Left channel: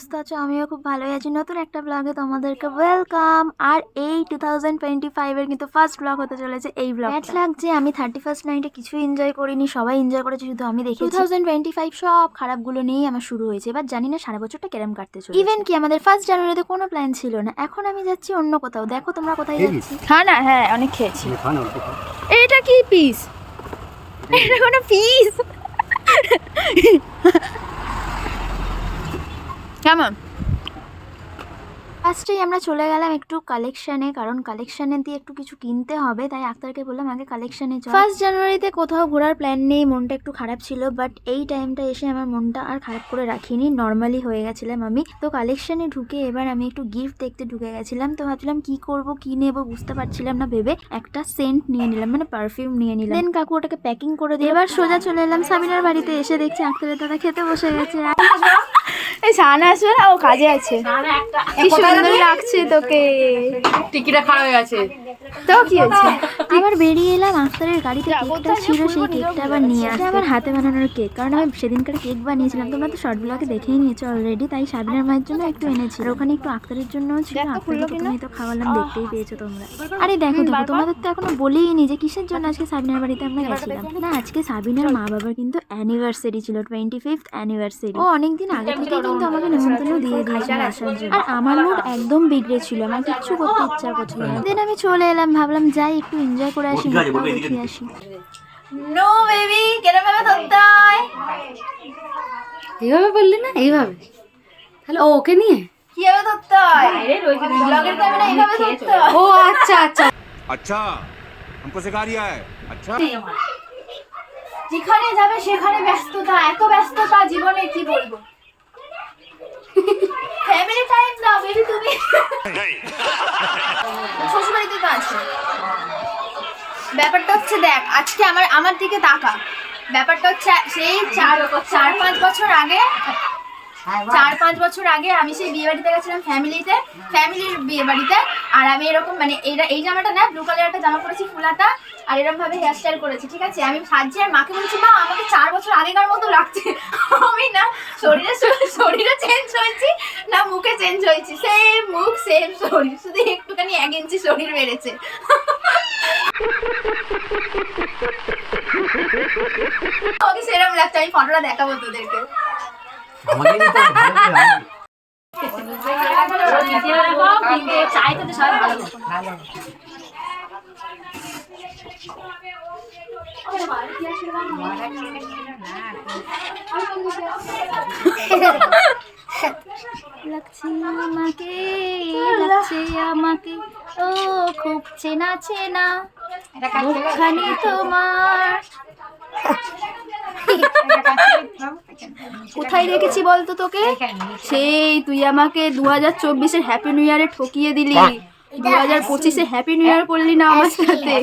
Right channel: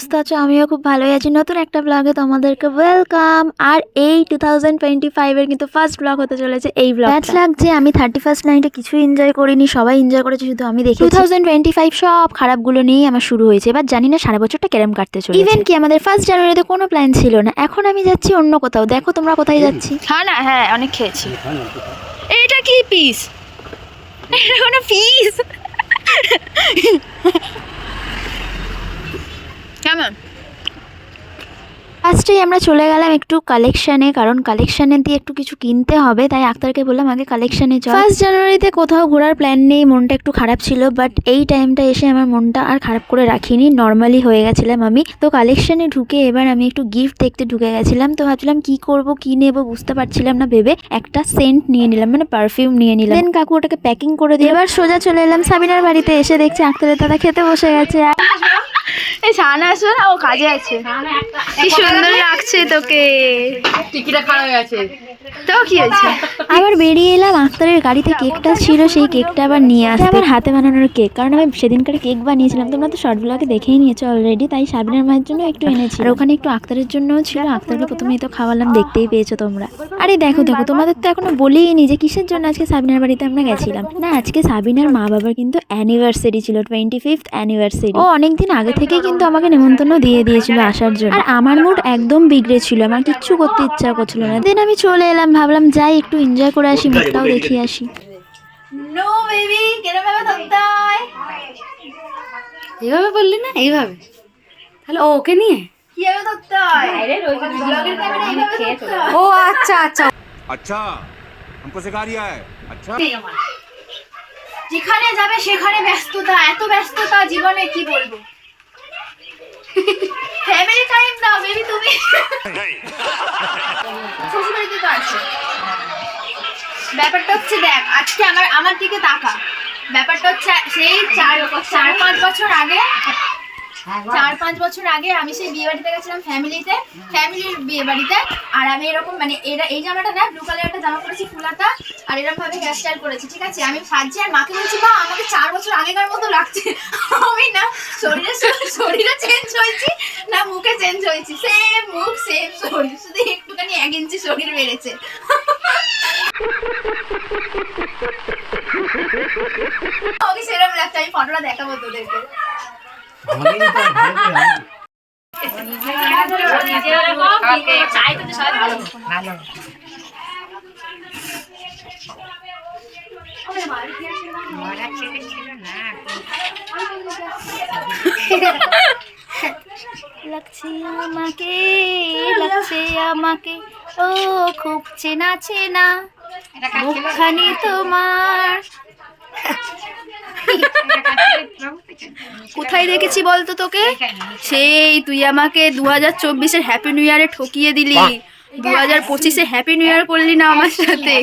সুস্থ আছো? আমিও খুব ভালোই আছি। নতুন একটা ব্লগে তোমাদেরকে ওয়েলকাম। আর এই 2025 এর কিন্তু ফার্স্ট ব্লগ হতে চলেছে এই ব্লগ। ব্যাড লাগছে, আমি 31st নাইটে কিছু এনজয় করিনি, সবাই এনজয় করেছে, শুধু আমি দেখি। 2025 সব খারাপগুলো নিয়েই আমার শুরু হয়েছে। এবার জানি না সারা বছরটা কেরম কাটতে চলেছে। ইভেন কি আমাদের 1 জানুয়ারিতে কোনো প্ল্যান ছিল না, এখন আমি যাচ্ছি অন্য কোথাও। দেখো তোমরা কোথায় যাচ্ছি। হ্যাঁ না, হ্যাঁ অনেক খেয়েছি। এটা কি পিস? এটা কোনো পিস? কেমন? ফার্স্টেই আমরা চলে গেলাম একটু কালেকশানে, কারণ কালেকশানে দিয়ে একটু কিছু কিনতে হবে, তাই আক্তারকে বললাম আগে কালেকশানে চল। 1 জানুয়ারিতে কোথাও ঘোরার প্ল্যান নেই, মনটা একটু খারাপ ছিল, বাট এই টাইমটা এসে আমার মনটা আর খারাপ করে রাখিনি, নর্মালি হয়ে গেছিলাম আমি। তো কালেকশানে ঢুকে এবার আমি একটু গিফট দেখতে ঢুকে গেছিলাম। তো ভাবছিলাম কি করব কি নেব বুঝতে পারছিলাম না, ভেবে একটা সেন্ট নিয়ে নিলাম, মানে পারফিউম নিয়ে নিলাম। দেন কাকু ওটাকে প্যাকিং করে দিয়ে এবার সোজা চলে এলাম সাবিনার বাড়িতে। এসে দেখছি আক্তারের দাদা খেতে বসে গেছে। এই সানা আসো না, ও কাজে আছে। কি সুন্দর লাগছে তোকে। টিকিটা খারাপ হয়ে গেছে। তো কি হয়েছে? আবার বেরিয়ে এলাম, আক্তারের গাড়িতে কেকটা ছিল, সেই কেকটা আবার নিয়ে আসতে। আমার হাতে বানানোর কেক, কারণ আমি সেদিনকার কেক বানিয়েছিলাম, তোমরা তো শর্ট ব্লগে দেখেই নিয়েছো অলরেডি। তাই সাবিনার মায়ের জন্য একটু এনেছি, আর ওখানে একটু আক্তারের জন্যও ছিল। আক্তারকে প্রথমেই তো খাওয়ালাম, দেখতেই পেয়েছো তোমরা। আরে দেখো দেখো, তোমাদের তো এখনো বলিনি যে কিসের জন্য আজকে সাবিনার বাড়িতে আমরা গেছিলাম। না, আজকে সাবিনার মা বাবার কিন্তু অ্যানিভার্সারি ছিল, 25th অ্যানিভার্সারি। ও অনেকদিন আগে থেকেই কিন্তু আমাকে নিমন্ত্রণ দিয়ে দিয়েছিল আসার জন্য। আর আমার মুড একদম বিগড়ে ছিল, আমার কিচ্ছু করতে ইচ্ছা করছিল না। দেন আমি চলে এলাম, ভাবলাম যাই একটু এনজয় করে আসি, মুখটাও দেখিয়ে আসি। নো বেবি, কেরম ভাবে ধরতে হয়? এইভাবে বললি না, এইভাবে। তাহলে ওকে নিয়ে কিভাবে ধরতে হয়? ব্লগের ক্যামেরা এইভাবে ধরতে হয়। ও আচ্ছা আচ্ছা अच्छा हमको सिखा रिया है अच्छा যেখানে যাবে সেখানে ব্যস্ততা, এত ব্যস্ততা জীবনে কি বলবো। ফ্যামিলি টাইম দাও বেবি তুমি। শ্বশুরবাড়িতে তো আছো। ব্যাপারটা হচ্ছে দেখ, আজকে আমার দিকে তাকা। ব্যাপারটা হচ্ছে সেই 4-5 বছর আগে, 4-5 বছর আগে আমি সেই বিয়ে বাড়িতে গেছিলাম, ফ্যামিলির বিয়ে বাড়িতে। আর আমি এরকম মানে এই জামাটা না, ব্লু কালার একটা জামা পরেছি ফুলাতা, আর এরকম ভাবে হেয়ার স্টাইল করেছি, ঠিক আছে। আমি সাজছি আর মাকে বলছি মা আমাকে 4 বছর আগেকার মতো লাগছে। আমি না শরীরে চেঞ্জ হয়েছি না মুখে চেঞ্জ হয়েছি, সেম মুখ সেম শরীর, শুধু একটুখানি 1 ইঞ্চি শরীর বেড়েছে। আমি সেরকম লাগছে, আমি ফটোটা দেখাবো তোদেরকে। লাগছে আমাকে, লাগছে আমাকে, ও খুব চেনা চেনা মুখখানি তোমার। কোথায় দেখেছি বলতো তোকে? সেই তুই আমাকে 2024-এর হ্যাপি নিউ ইয়ারে ঠকিয়ে দিলি, 2025-এ হ্যাপি নিউ ইয়ার করলি না আমার সাথে।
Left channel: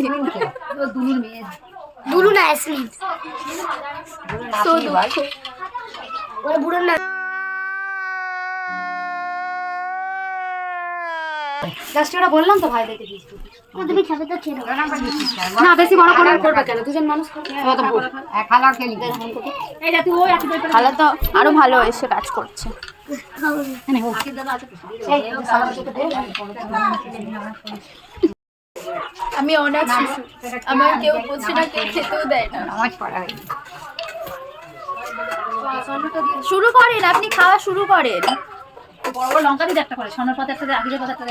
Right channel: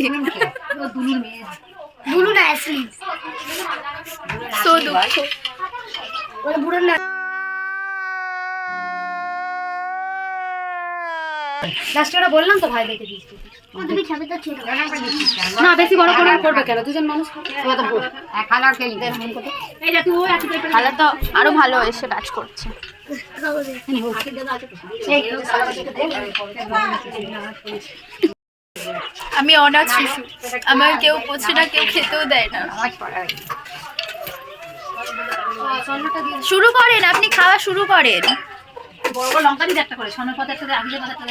তো দুঃখ। লাস্টটা বললাম তো ভাই দেখে দিস তুমি খাবে তো ছিল না, বেশি বড় করে করবে কেন? দুজন মানুষ খালা খেলি খালা তো আরো ভালো এসে কাজ করছে। আমি অনাথ শিশু, আমার কেউ পোছে না, কেউ খেতেও দেয় না। শুরু করেন, আপনি খাওয়া শুরু করেন।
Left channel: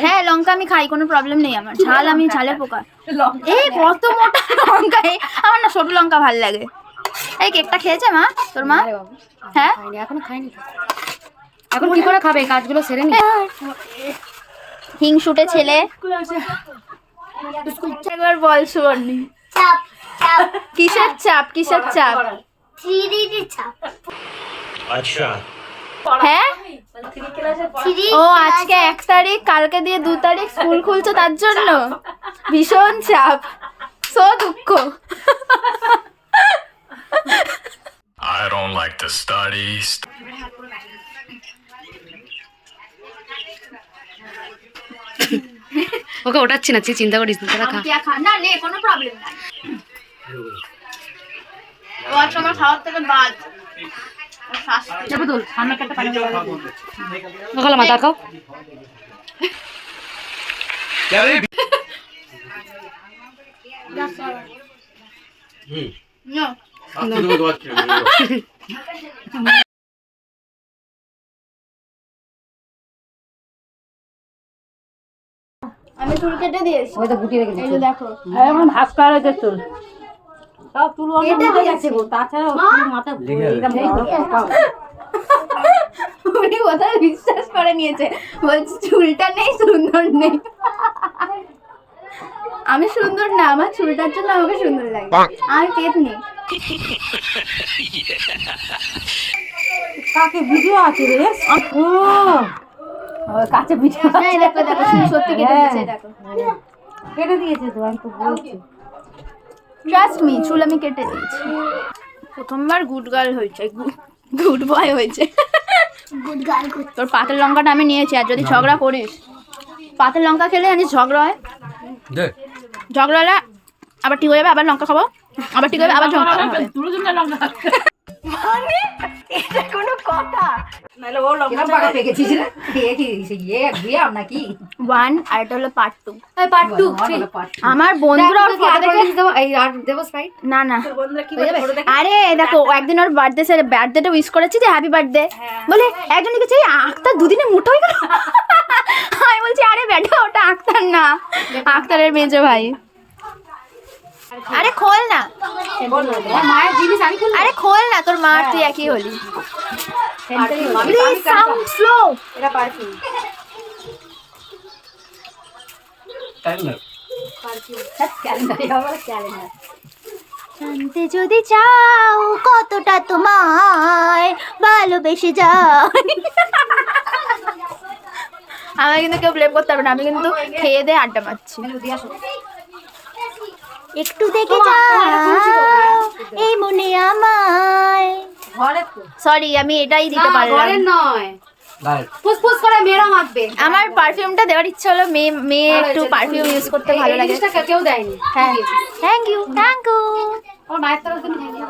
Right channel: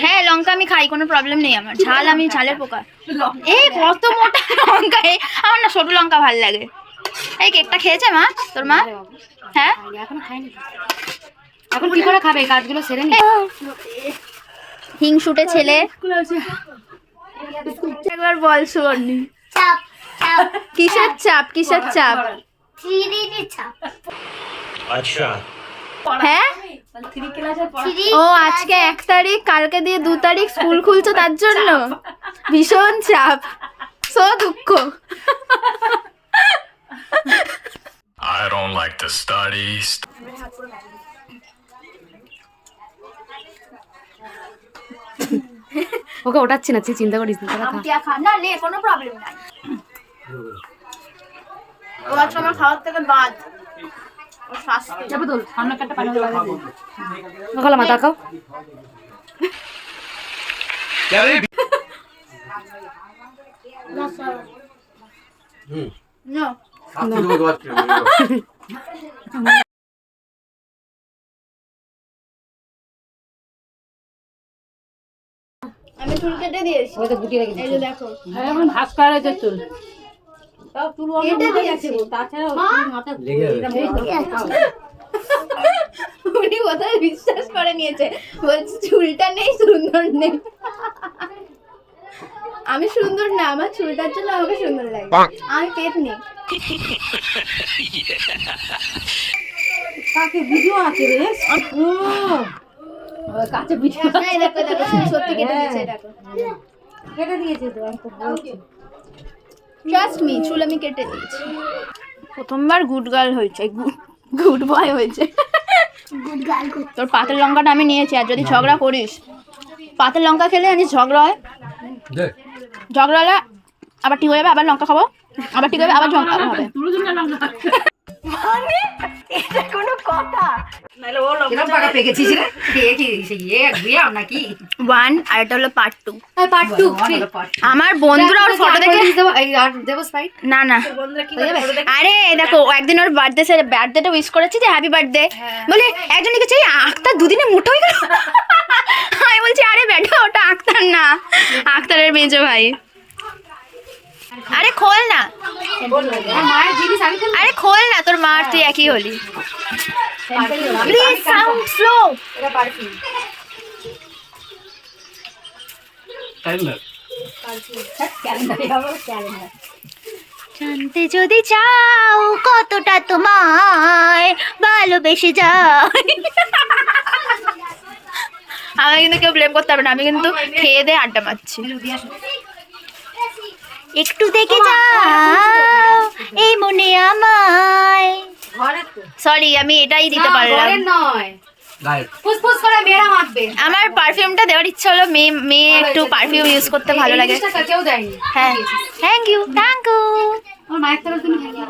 হ্যাঁ লঙ্কা আমি খাই, কোনো প্রবলেম নেই আমার। ঝাল আমি ঝালের পোকা। এই কত মোটা লঙ্কা! আমার না ছোট লঙ্কা ভাল লাগে। এই কেকটা খেয়েছে মা, তোর মা? হ্যাঁ এখন খাইনি। এখন কি করে খাবে? কাজগুলো সেরে নি। হিংসুটে ছেলে। একবার বল সুবর্ণি, কিসের চাপ? কিসের চাপ? अच्छा হ্যাঁ ও আজকে 1 তারিখ, কালকে দিয়ে 2 তারিখ স্কুল খুলছে, তার জন্য ভীষণ চাপ, সো দুঃখ। I don't like to study. ওকে ওঠাচ্ছি না, তুই চিন্তা করিস না, তোরা খা। না নে, কোনো প্রবলেম নাই। ও আজকে আমার খাওয়ার থেকে বাদ। খালা মাথা খাও আমি চুল কেটে দিয়েছি। ওই তো গুটিয়ে রেখেছি এই যে দেখো, এখন ভাস করা রয়েছে চুল তাও চুল অনেক উঠে গেছে গো তাছাড়া মাথা উনি কোথায় বিশ্বাস করে নিয়েছে, বলছে চুলটা নেই, সুন্দর নেই। আমি সুন্দর না, আমার চুলটার জন্য আমাকে সুন্দর লাগে। আমি পেট নেই। কাকে ভিডিও আছে রে ও কাছে ভিডিও এই দেখো দেখো, চুল সত্যি কেটে দিয়েছে, দেখো। কেটে দিয়েছে তো আমি তো বলছি ট্রাস্ট মি, চুল আমি কেটে দিয়েছি। প্রথমবার গুড গার্ল হয়েছে, গুড বয় হয়েছে। তোর পাতের লঙ্কাটা আমি নিয়েছি, আর যদি ঝগড়া করিস, পাতের লঙ্কা খেলে জানিস ঝগড়া হয়, ঝগড়া হলে আবার ঠিক হয়ে যাবে, আবার লঙ্কা খাবো, আবার ঠিক হবে, আবার ঝগড়া হবে। মানে এটা কোনো কথা? নাহলে ও লঙ্কা পাকা পেকেছিস রে কি ইয়ে বিয়াম নাকি 1 আর এটা হলো পার্ট 2। পার্ট 2 আমার বন্ধুরা ওর ফটো দেখে এই আর দেব স্পাইট না না, আরে দেখো ও একদিন ওর বার্থডেটা উইশ করেছি যে হ্যাপি বার্থডে বলে, একজন লিখেছে আক্তার দুদিনে মোটা হয়ে গেল। আমি বলছি আরে বেটা ওটা আক্তার না, আক্তারের মেজো ভাই। আরে খোল না, মায়ের জিনিস আমি আরে খোল না, তোর মা আর তুই একই হলি। Please sound slow. এটা পারফিউম জানতে যদি চাও কতটা তোমায় ভালোবেসে যায়। আমাকে কিন্তু কেউ ব্লেম করতে পারবে না, আমি কিন্তু খেয়ে দিয়ে আড্ডা মারছি। একটু দেখে যাও এই মনে আমায়। সরি, আমি এটাই দিতে পারলাম। নয় ফুসফুস করে মেরা মারবে। আমার পারফিউমটা দেওয়ার ইচ্ছা হলো, মেয়ে একটু পারফিউম ইউজ করতে ভালো লাগে। কেউ দেয়নি। হ্যাঁ, থ্যাংক ইউ থ্যাংক ইউ। ওর মায়ের তরফ থেকে থ্যাংক ইউ।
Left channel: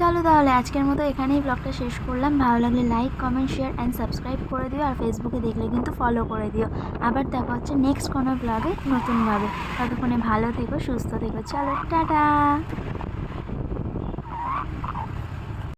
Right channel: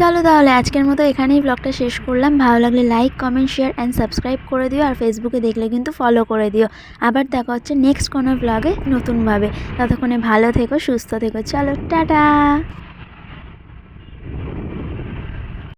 চলো তাহলে আজকের মতো এখানেই ব্লগটা শেষ করলাম। ভালো লাগলে like comment share and subscribe করে দিও, আর ফেসবুকে দেখলে কিন্তু ফলো করে দিও। আবার দেখা হচ্ছে নেক্সট কোনো ব্লগে নতুনভাবে। ততক্ষণে ভালো থেকো, সুস্থ থেকো। চলো টাটা।